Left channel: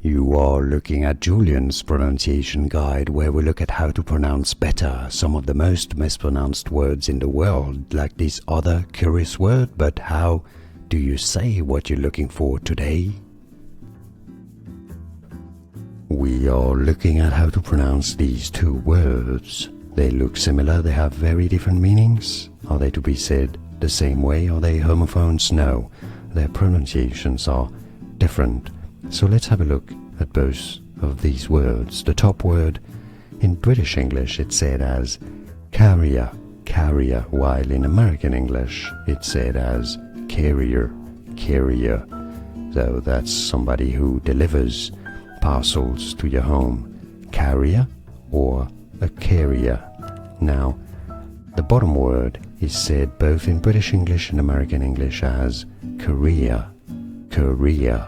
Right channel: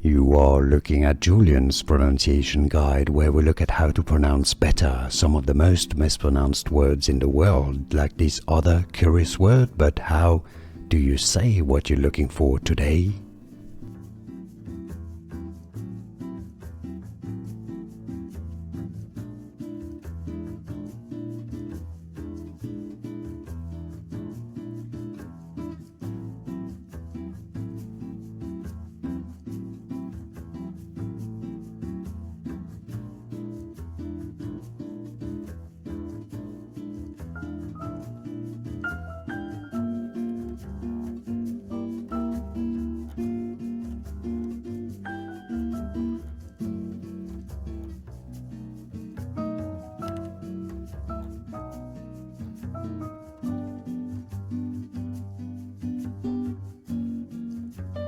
You are looking at Julian's pronunciation guide, where we look at how to pronounce better some of the most mispronounced words in the world, like this other curious word. But how do you say what you're looking for today? We are looking at how to pronounce these two words. They look similar, they have very different meanings. Are they to be said the same way? Are they homophones? No, their pronunciations are different. So let's have a look at both of these words. The top word, in British English it's said as carrier, carrier, while in American English it's said as carrier, carrier. So that's somebody who delivers parcels to your home. Carrier or a carrier. Now, the bottom word is said both in British English and American English as career, career,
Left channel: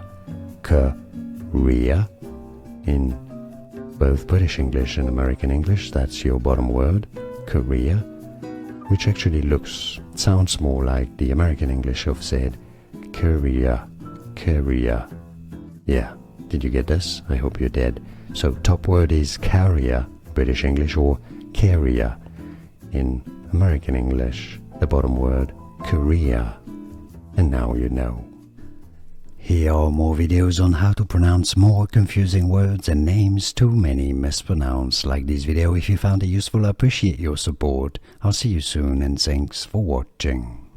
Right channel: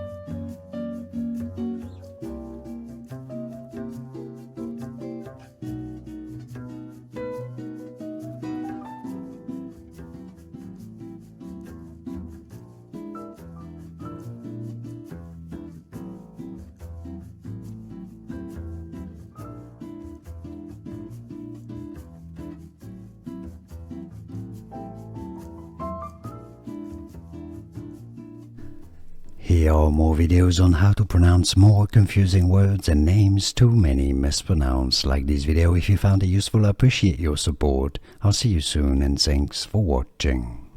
career. In both British English and American English, that's your bottom word, career, which actually sounds more like the American English of said career, career. Yeah, did you get this? I hope you did. So top word is carrier, British English, or carrier in American English. The bottom word, career. And now you know. Here are more videos on how to pronounce more confusing words and names too many mispronounced. Like this video if you found it useful. I appreciate your support. I'll see you soon and thanks for watching.